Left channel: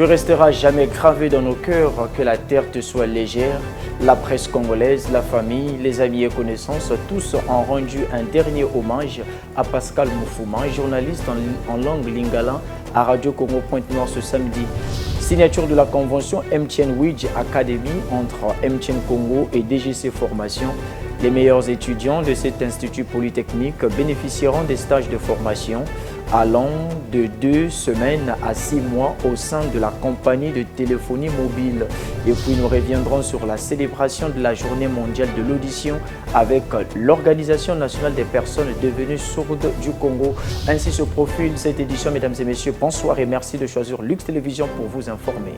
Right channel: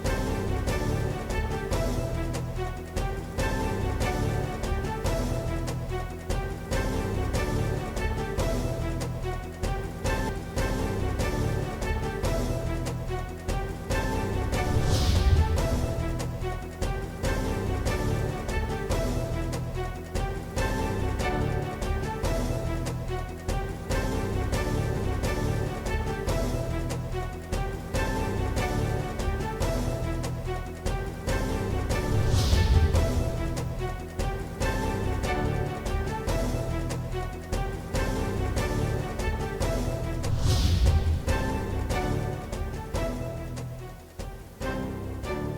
Tu resteras jamais gravé dans nos cœurs, que la terre te soit légère. La presse congolaise, la famille, les amis et connaissances, tous ont rendu un dernier hommage à Pascal Moufouma, journaliste en langue lingala à Radio Congo Pointe-Noire ce samedi. Signature de la convention MTN Widge Academy entre MTN Congo et DGC Formation. Les meilleurs étudiants de cet institut polytechnique bénéficieront des stages de formation allant de 2 semaines à 6 mois au sein de la compagnie de téléphonie mobile. Et puis nous reviendrons sur la célébration de la journée mondiale de l'audition avec l'Organisation nationale des personnes devenues sourdes du Congo. Ainsi se profile cette édition, mesdames et messieurs. Bonsoir et merci de choisir Lux Télévision pour vous informer.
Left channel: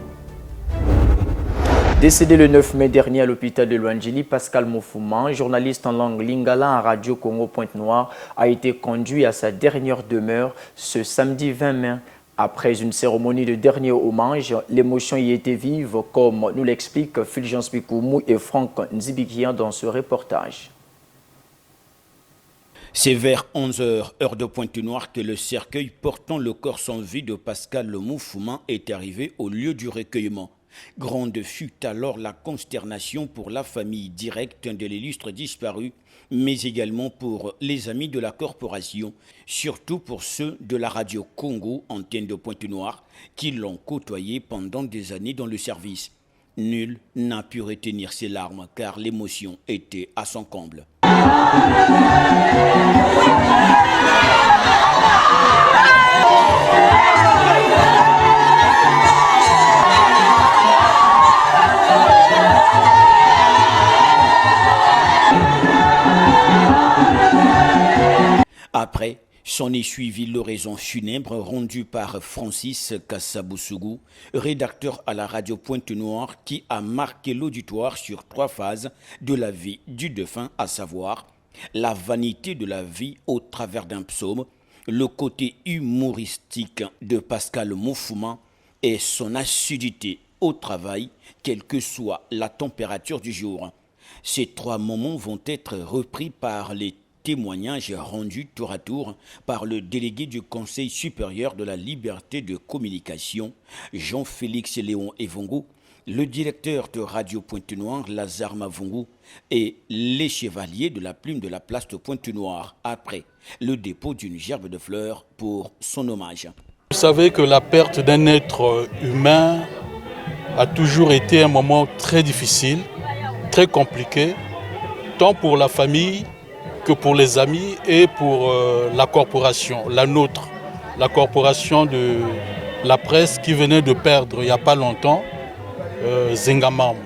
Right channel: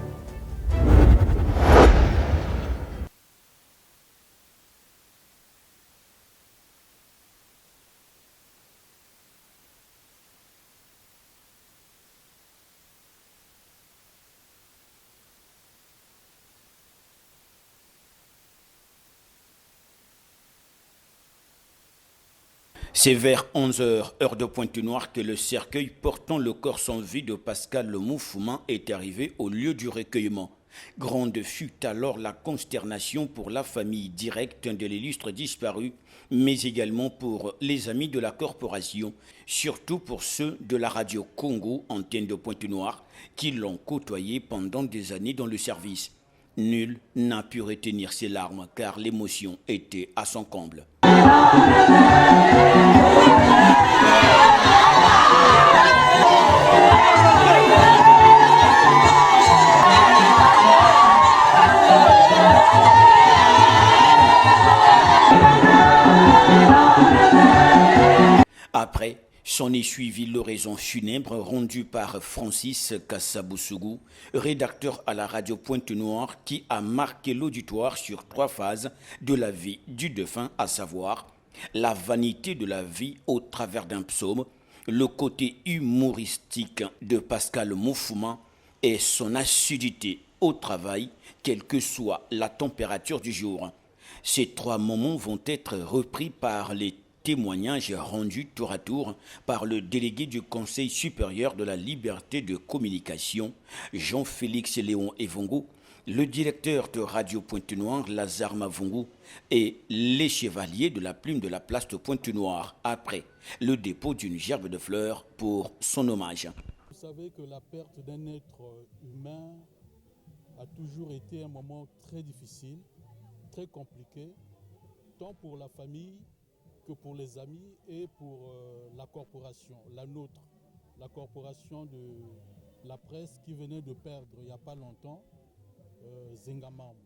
Décédé le 9 mai dernier à l'hôpital de Luangeli, Pascal Moufouma, journaliste en langue lingala à Radio Congo Pointe-Noire, a été conduit à sa dernière demeure ce samedi 20 mai. Après une cérémonie de dernier hommage, l'émotion y était vive, comme nous l'expliquent Fulgence Bikoumou et Franck Nzibikian dans ce reportage. C'est vers 11h, heure de Pointe-Noire, que le cercueil portant le corps sans vie de Pascal Moufouma est arrivé au lieu du recueillement. Grande fut alors la consternation pour la famille directe de l'illustre disparu, mais également pour les amis de la corporation, surtout pour ceux de la radio Congo, antenne de Pointe-Noire, qui l'ont côtoyé pendant des années dans le service. Nul n'a pu retenir ses larmes car l'émotion était à son comble. Après, s'en est suivi l'oraison funèbre rendue par Francis Kassabousougou, rédacteur à la radio Pointe-Noire, qui a marqué l'auditoire sur 3 phases de la vie du défunt, à savoir la vanité de la vie au travers d'un psaume, le côté humoristique de Pascal Moufouma et son assiduité au travail, quelle que soit la température du jour. Ces 3 moments vont être repris par les témoignages rendus tour à tour par le délégué du Conseil supérieur de la liberté de communication, Jean-Félix Léon Evongo, le directeur de Radio Pointe-Noire, Lazare Mavungu, et les chevaliers de la plume de la place de Pointe-Noire, après le dépôt d'une gerbe de fleurs pour son hommage. Vous savez que la perte d'un être humain a toujours été un moment très difficile, très compliqué, tant pour la famille que pour les amis et pour la corporation, la nôtre, la corporation de la presse qui venait de perdre il n'y a pas longtemps Zengamam.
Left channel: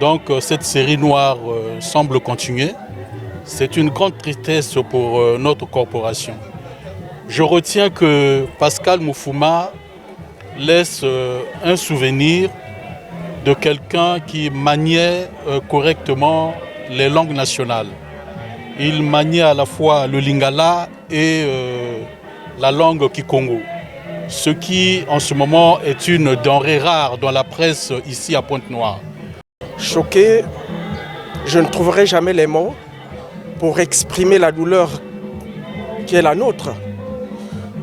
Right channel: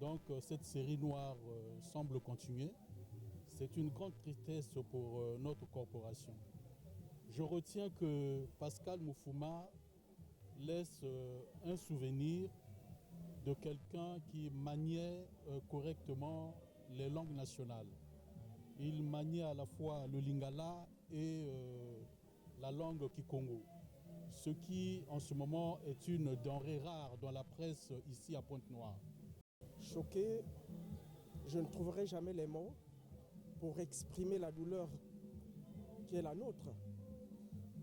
Donc cette série noire semble continuer. C'est une grande tristesse pour notre corporation. Je retiens que Pascal Moufouma laisse un souvenir de quelqu'un qui maniait correctement les langues nationales. Il maniait à la fois le lingala et la langue kikongo, ce qui en ce moment est une denrée rare dans la presse ici à Pointe-Noire. Choqué, je ne trouverai jamais les mots pour exprimer la douleur qui est la nôtre.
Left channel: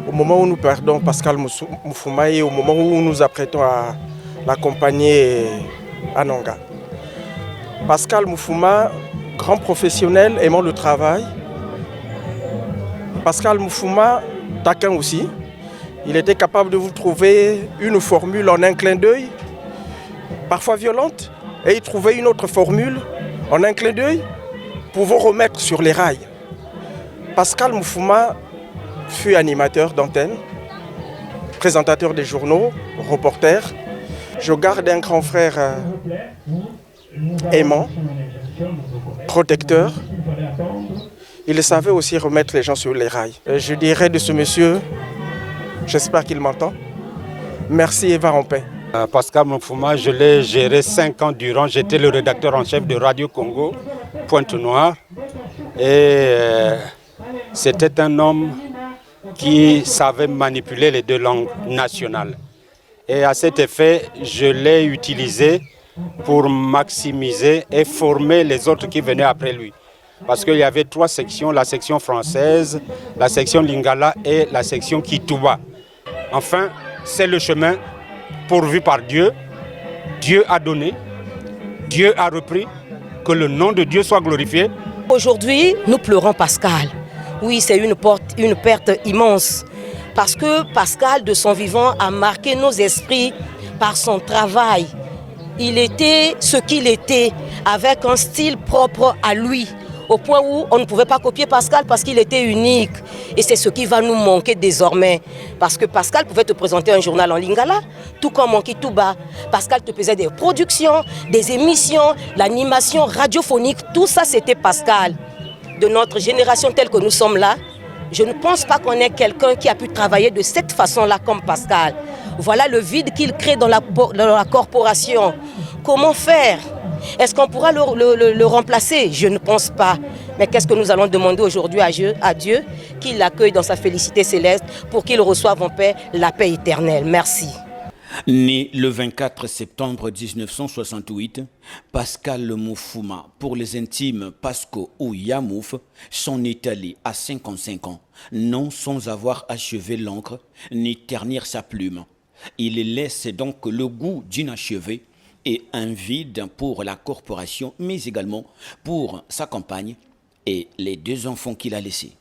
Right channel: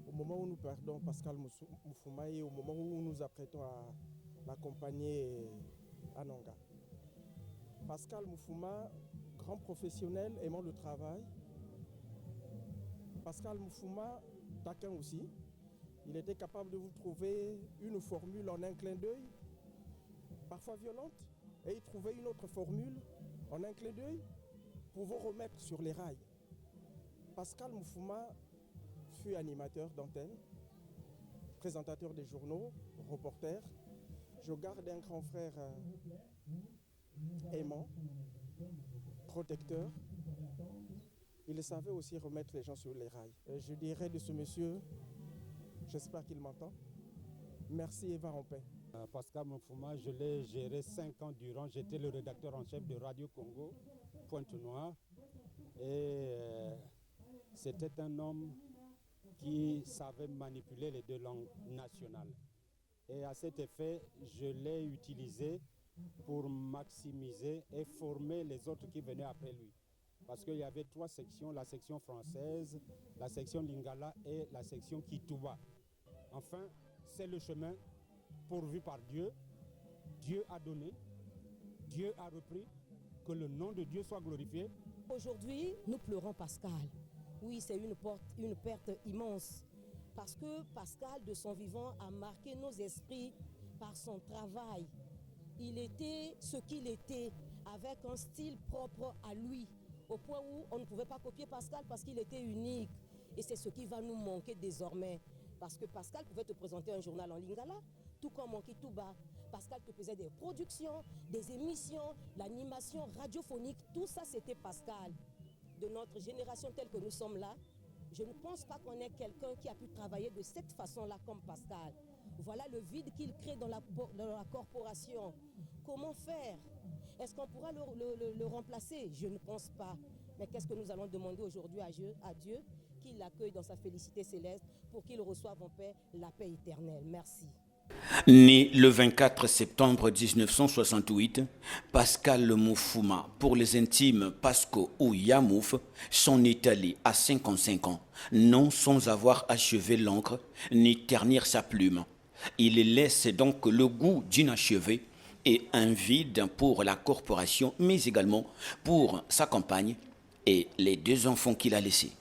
Au moment où nous perdons Pascal Moufouma et au moment où nous nous apprêtons à l'accompagner à Nanga. Pascal Moufouma, grand professionnel, aimant le travail. Pascal Moufouma, taquin aussi. Il était capable de vous trouver une formule en un clin d'œil, parfois violente, et il trouvait une autre formule en un clin d'œil pour vous remettre sur les rails. Pascal Moufouma fut animateur d'antenne, présentateur des journaux, reporter. Je garde un grand frère aimant, protecteur. Il savait aussi remettre les gens sur les rails. Je dirais de ce monsieur, j'espère qu'il m'entend, merci et va en paix. Pascal Moufouma, je l'ai géré 5 ans durant. J'étais le rédacteur en chef de Radio Congo, Pointe-Noire. Et c'était un homme qui savait manipuler les 2 langues nationales. Et à cet effet, je l'ai utilisé pour maximiser et former les autres qui venaient après lui. Parce qu'il y avait 3 sections, la section française, la section lingala et la section Kituba. Enfin, c'est le chemin pourvu par Dieu. Dieu a donné, Dieu a repris, que le nom de Dieu soit glorifié. Aujourd'hui, nous pleurons Pascal. Oui, c'est une perte immense. Parce que Pascal, de son vivant, a marqué nos esprits par son travail. Il était ce qu'il était, avec un style propre à lui, au point où on ne pouvait pas copier Pascal parce qu'il était unique. Et c'est ce qui va nous manquer désormais. Parce que Pascal pouvait te présenter un journal en lingala, tout comme Monkey Touba. Pascal te faisait des productions, des émissions, l'animation radiophonique, tout ça c'était Pascal. De notre génération telle que nous sommes là, je ne pense pas qu'on ait quelqu'un qui a pu travailler de cette façon-là comme Pascal. Voilà le vide qu'il crée dans la corporation. Comment faire? Est-ce qu'on pourra le remplacer? Je ne pense pas. Mais qu'est-ce que nous allons demander aujourd'hui à Dieu? Qu'il l'accueille dans sa félicité céleste pour qu'il reçoive en paix la paix éternelle. Merci. Né le 24 septembre 1968, Pascal Moufouma, pour les intimes Pasco ou Yamouf, s'en est allé à 55 ans, non sans avoir achevé l'encre ni ternir sa plume. Il laisse donc le goût d'inachevé et un vide pour la corporation, mais également pour sa compagne et les 2 enfants qu'il a laissés.